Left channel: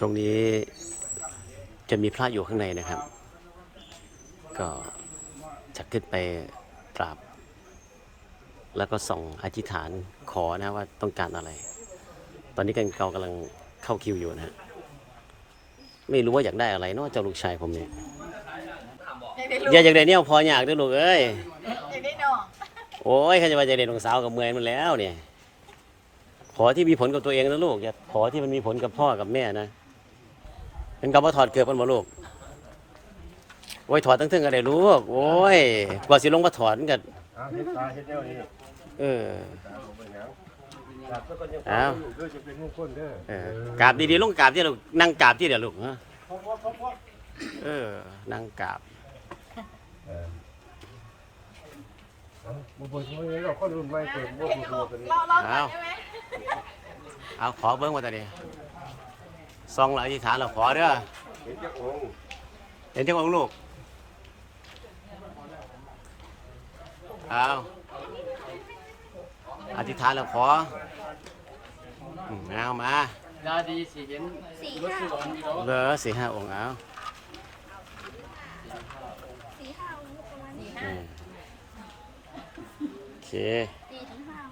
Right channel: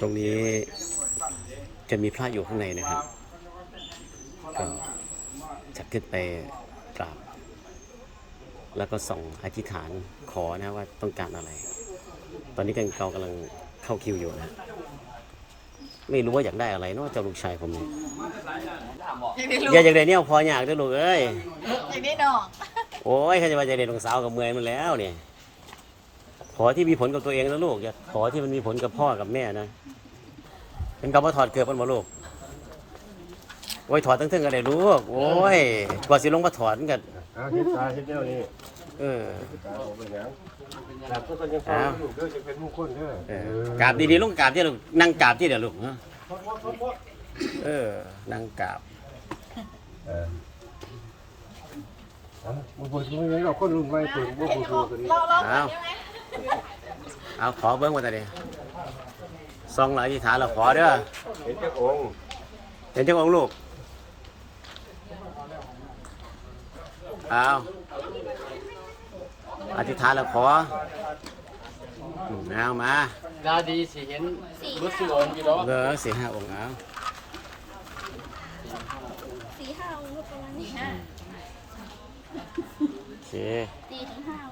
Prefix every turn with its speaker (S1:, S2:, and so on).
S1: ตรงนี้จะมีพระอยู่ข้างในนะครับ ก็จะขึ้นไปกราบ แล้วก็ส่องอธิษฐานขอนะว่าต้องการอะไร ตอนนี้กันเรากำลังเข้าคิวอยู่นะ ไม่รู้ว่าอยากได้อะไรเนอกจากลูกชายผมเนี่ย
S2: อยากได้ลูก
S1: อย่าอยากได้เนี่ยพออยากได้ลูกเอ้ย
S2: อยากได้น้อง
S1: โอ้ยใครจะไปจะเรียนของสาวกับเมืองนั่นแล้วเนี่ย ขอที่มีผลกับตัวเองนะลูกอย่าขอที่มันมีผลกับพ่อกับแม่นะ เป็นคำว่าถอดเกลือกันมาลูกโอ้ยถอดตั้งทึ่งอะไรลูกโอ้ยกว่าสิลงมาถอดกัน
S3: เอาเฮ็ดตาเฮ็ดแนวนี้
S1: เออ
S3: ตาเอาไปหยังตาก็ต้องยังฟังอยู่เด้อจะเป็นมงคลเด้อ
S1: เออกราบดีๆลงกราบที่ลูกนั่งกราบที่เดี๋ยวลูกฮะเออนั่งกราบ
S3: เออเอาบ่บ่สิว่าเราคนรุ่นใหม่เพิ่นบ่บ่บ่เป็น
S1: เอา เอาขอเบิ้งมาแต่เดียวซองเราอธิษฐานเราขอเด้อ
S3: เห็นแต่องค์
S1: เห็นจังองค์ลูกเอาอธิษฐานเราขออืมเอามา
S4: ดาวดีสิเห็นรถสูงอยู่แล้ว
S1: เหลือสี่ห้าองค์เอา
S5: สี่ห้าองค์ก็ประมาณนี้
S1: โอเค
S5: สี่ถึงห้าองค์ก็